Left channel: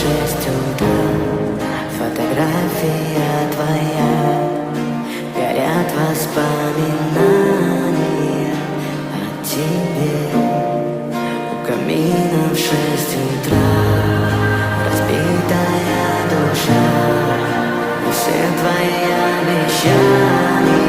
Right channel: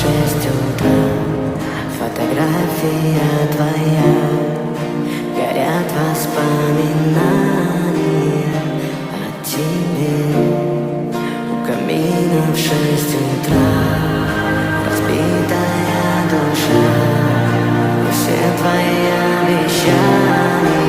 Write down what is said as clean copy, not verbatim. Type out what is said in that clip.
6 утра. Фотография твоя, горят воспоминания о тебе. У камина в 6 утра разбитая душа, и все твои обещания